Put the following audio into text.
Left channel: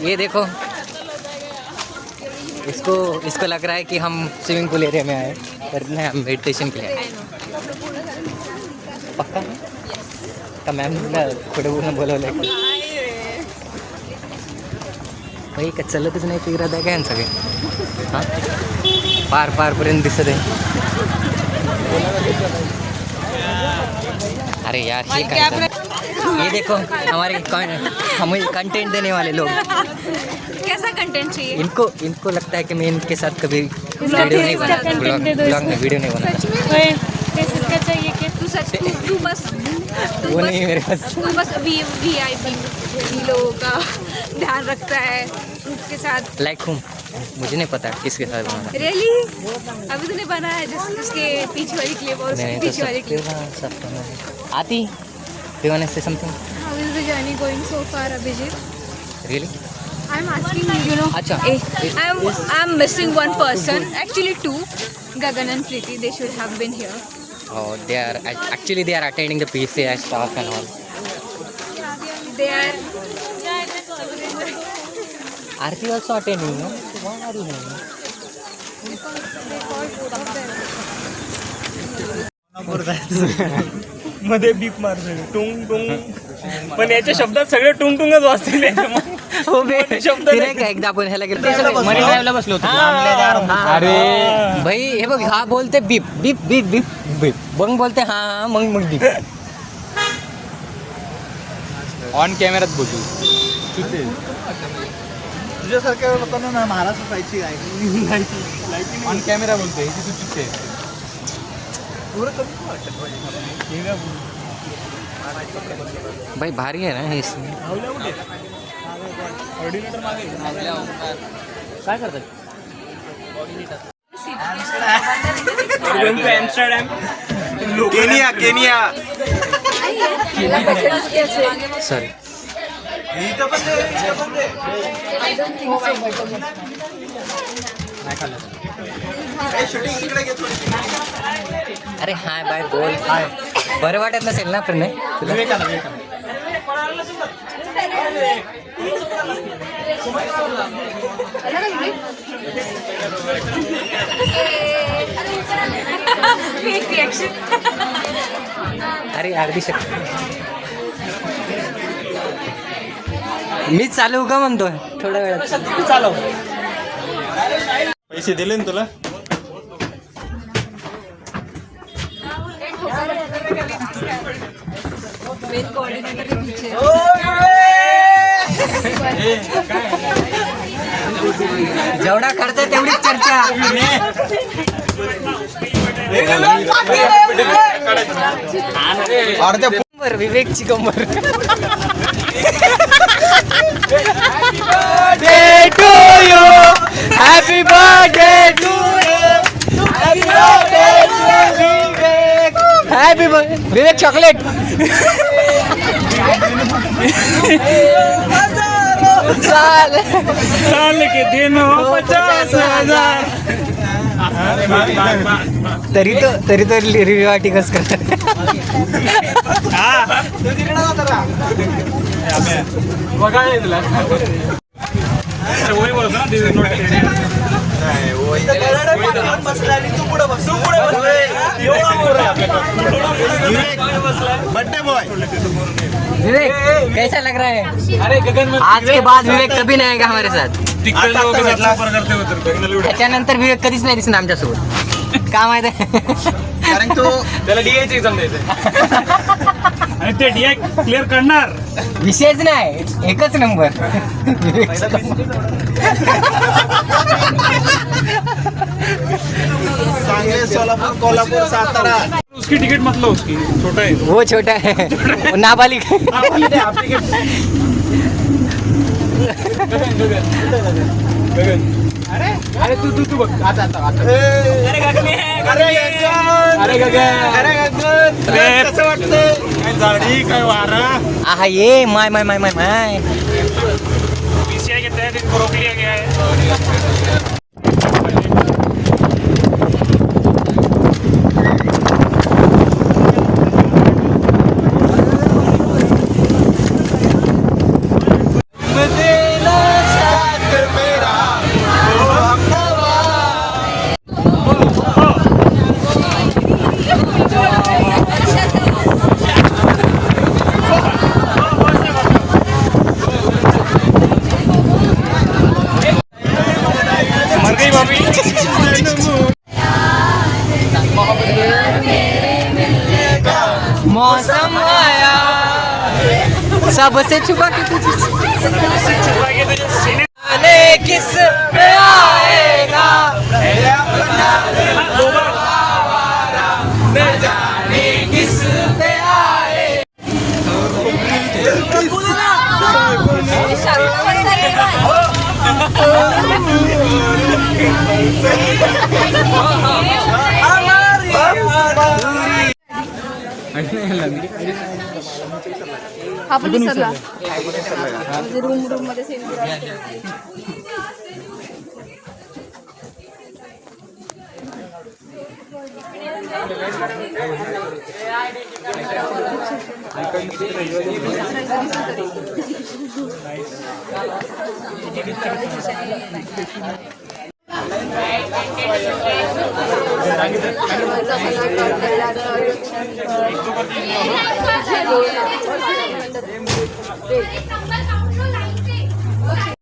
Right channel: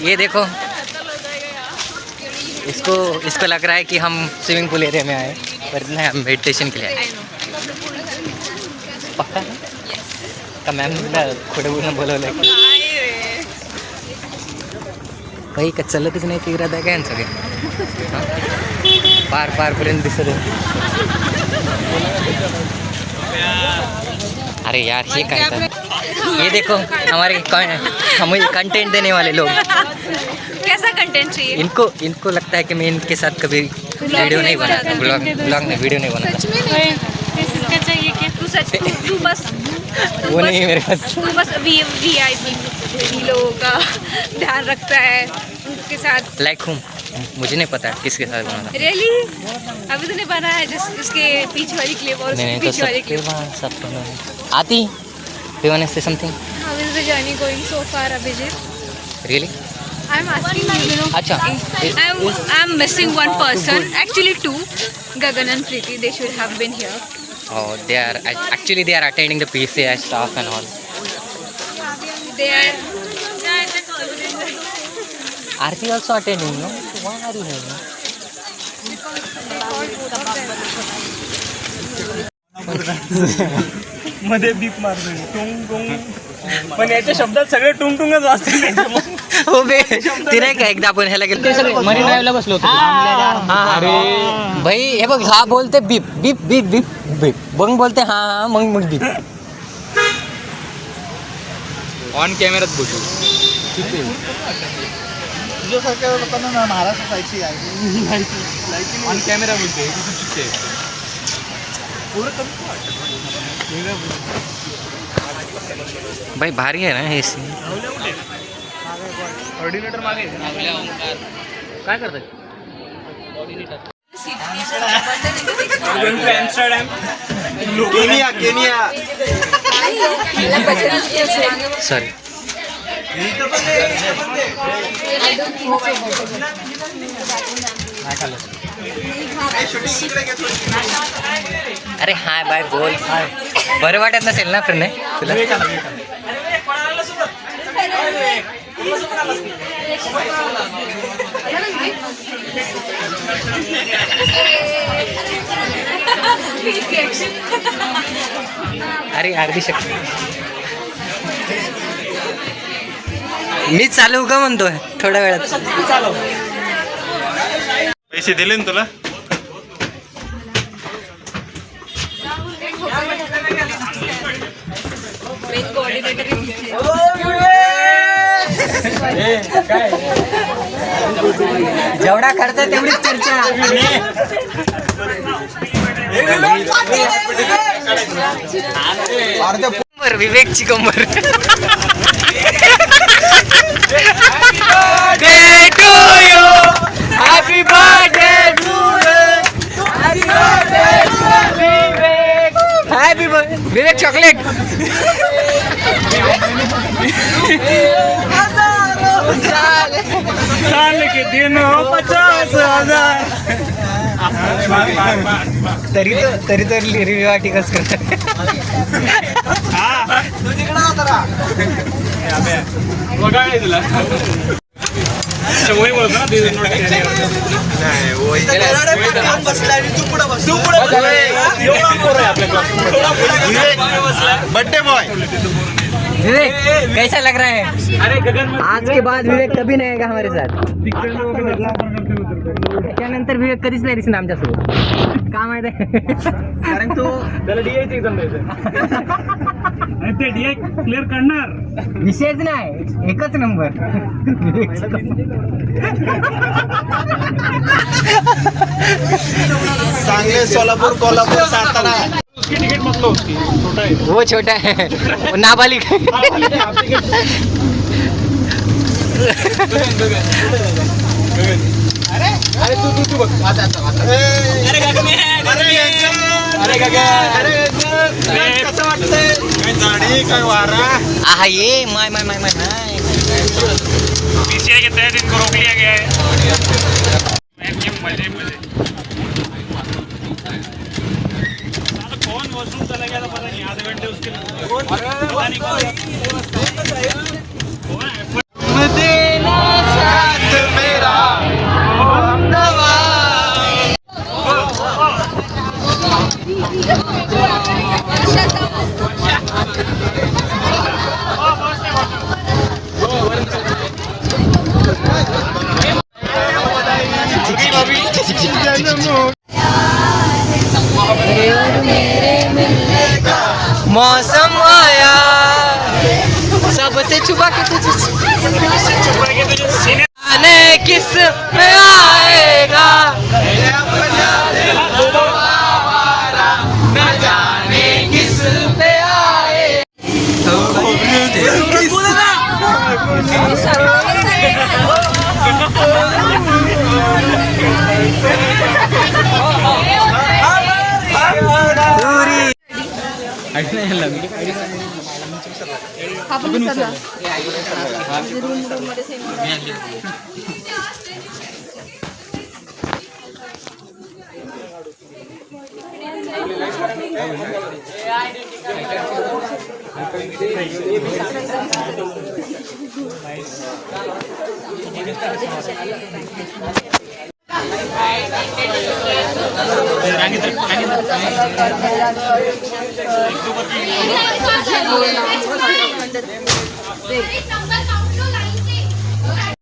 ये देखो, इसको लग रहा है कि हम स्विमिंग पूल एरिया में आए, पर नहीं, हम मेडिटेशन के लिए आए। पक्का का मॅम खोटं बोलणं बोलवलं काही का चलतच नाही ते इरादा काय सगळे हां पारपर्यंत दिसत आहे। अरे यार ये क्या था? ये देखो हमारे हमें कंटेंट देने वाले लोग। कैसा कंटेंट चाहिए इनको लगता है कि मैं इनके साथ कभी वीडियो नहीं बनाता, ब्लॉग में वीडियो नहीं बनाता। चाहिए कि तू बस वीआईपी लोगों का ध्यान रखता है, उनके साथ लाइक हूँ, मुझे नहीं पता किसके साथ बनाना। रियली अभी तो नहीं बना है, जिसके पीछे वाली क्लिप और उसके पीछे वाली क्लिप आती do you want to say something? How is the journey going so far, Abhijit? Really? I'm asking you, अच्छा I'm missing one person, actually two, Gagan and Preeti. They should have been here. oh they are attending the PCI stuff and all. Aarti also attending, no? So why are you here? मध्ये बीप मारतो टुंग टुंग, पण याच्या शब्दात सगळे टुंग टुंगच वाजतील। हो बे ते नाही का एकदा आपण ह्याला गेलो मरीन ड्राईव्हला बसलो होतो। अरे भाई हे बघ, हा बोलते बीप बीप बीप बीप बीप, मग बोलते हा हा मग बीप ऑन कॅमेरात बोलतो। तुझ्यासारख्या लोकांना ना महाराष्ट्र जायची आहे ऑन कॅमेरा बोलते की तू चुकते। भाई भारी आहे ना हे सीन। ऑर्डिनेटर मागे काय करतात? केनिया सॉरी अरे हाय बाय बोल, बरं वाटत नसेल ना फ्रेंड तुला? अरे अर्धी शक्ती मी चालू का म्हणतोय थोड्या वेळात चालव। पैसे दिले ना तुला? जेवढा खर्च तेवढीच चर्चा। विवेकची कंबर happy birthday to happy birthday Vivek chocolate. साल के दिन 50,000 तरी तो रिव्ह्यू आर्टिकल्स करतात। बघायला तुला वही बोलतो ना बर्थडे बॉय। विवेक कैसा लग रहा है? अरे गगन आज के बाद विवेक कभी नहीं आएगा हमारे साथ। करते त्याच्यानंतर विवेक कधीच नाही दिसणार आमच्यासोबत। का माहिती आहे? कारण तो त्याला डीआयची एक्झाम द्यायचं आणि ते डीआय क्लिअर करणार विषयच नाही, एकच नंबर सांगली सोलापूर कोल्हापूर सातारा। उसकी टिकट मत लो, उसकी छोटा है वो छोटा है वो नाबालिग अरे तू बघ आता अरे गगन कसं वाटतंय? झाडी काय वारा आहा ये माय माय माय माय माय पीसीआई के तहत इनको रोक लिया गया है। से छुपा के तुझे आने किस में आएगा न जाने किस में आए आपण विसरला रूम मध्ये सेम